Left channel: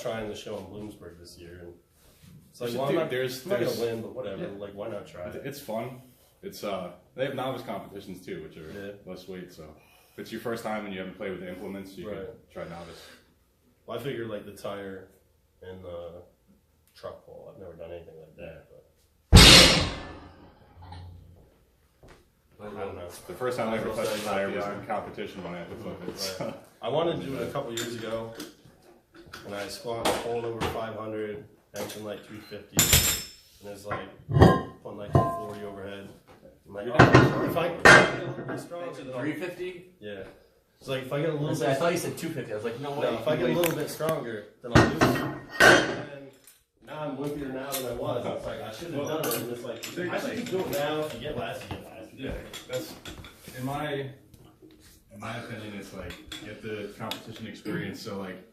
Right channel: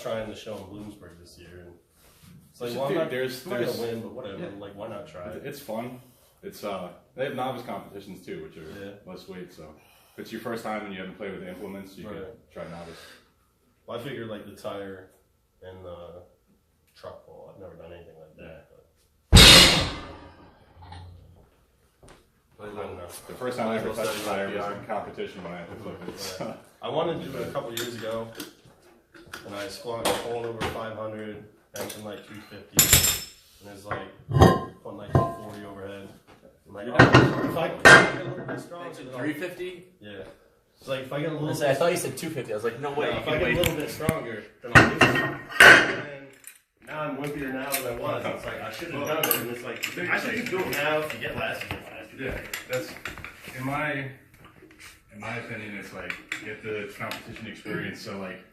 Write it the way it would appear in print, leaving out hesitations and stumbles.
trying the show in Bloomsburg this year, and it's like, well, I'm not gonna win, but whatever. Yeah. Like, why not try? It's fun. It's they have novice competitions too, which are less weight. So if it's your first time and you haven't played with the implements, you can try novice. Well, I figured like the tire and the truck ball. I've never done anything like that. But I don't know. The first time I ever touched a tire was in competition when I had to flip it. So. I wanted to do it a couple years ago, and I squatted pulling over 500, benching like 350, and it was like pulling like 240 overhead. I'm like, if I get a little bit stronger, 350? Yeah. It's like if I get a little bit. I thought you said 250. I was like, no way. If I get a little bit stronger, then I'll do it. And now I'm whippier now than I was. It's like I shouldn't have done it. And it's like I should just do it now. If you get last, you get last. Yeah, that's in my opinion. It's like get the competition experience. So like